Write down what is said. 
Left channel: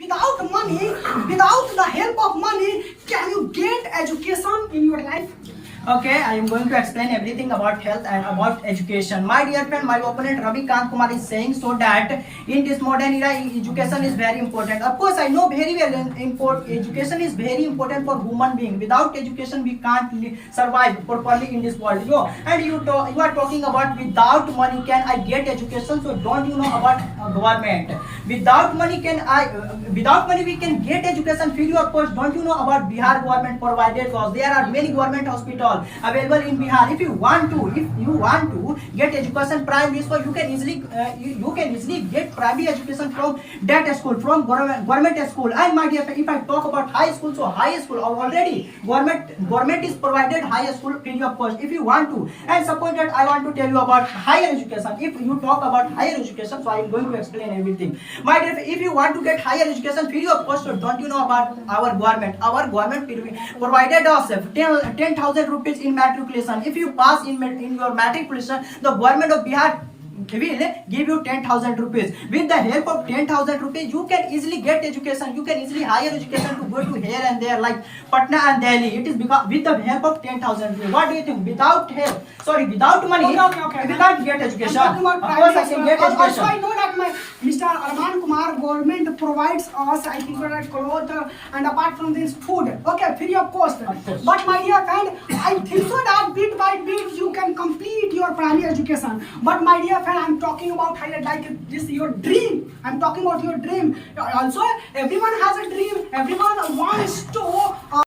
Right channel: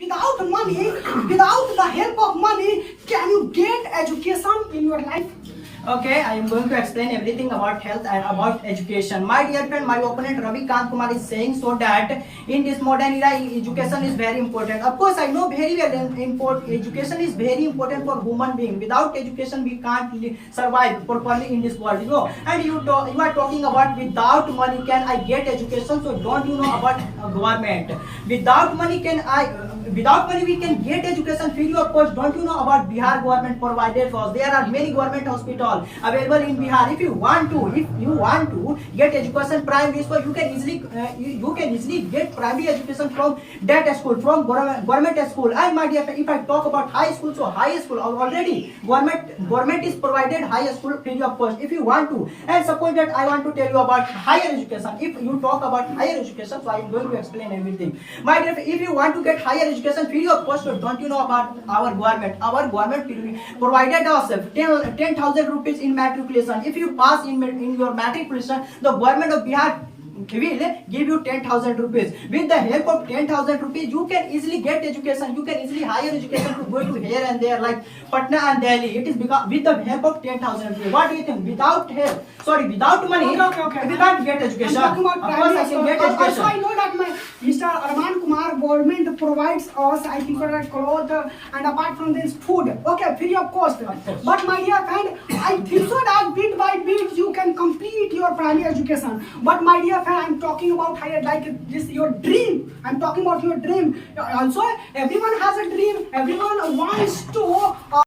Without money, without the help of money, can you get education in your life? Okay, I am going to explain everything about health and about education. My dear friend, my opponent Ravi Kant Kumar is saying so that in this modern era, education is very important. Of course, I know very well education is very important for human being. Without education, we can't survive properly in this world. And you are talking about without money can I get education? So don't you know about government? Without money without money we can get education free of course. Don't you know about Bihar government provided for us? There are many government hospitals available in Bihar. If you want to get education primary school, you can easily get primary education from that school, from government school. And my dear, if I talk about high school, so high school already government is provided high school free of cost if you want to. And suppose that I want to tell you about higher education. If you talk about higher education, so I am going to explain everything. My dear, if you want to get higher education free of cost, so don't you know about our government? Our government provided us 10,000 rupees in matriculation. If you pass in your matriculation, the government of Bihar will give you 10,000 rupees. With the help of 10,000 rupees, you can easily get education. You can easily higher education to go to here and there like Patna and Delhi. It is because with the help of 10,000 rupees. What do you think? Without money, Okay. we can't get education. I'm talking about Of course, I can get also, education. I know that Mr. Arman Kumar government provides us, I think, for clothes and apart from this, food. Okay, free of cost. But my dear friend, I think so that bit by bit you can complete your primary education. But my dear friend, I'm talking about higher, like this your dream. I'm talking about your dream. Also, everyone has a dream. Everyone wants to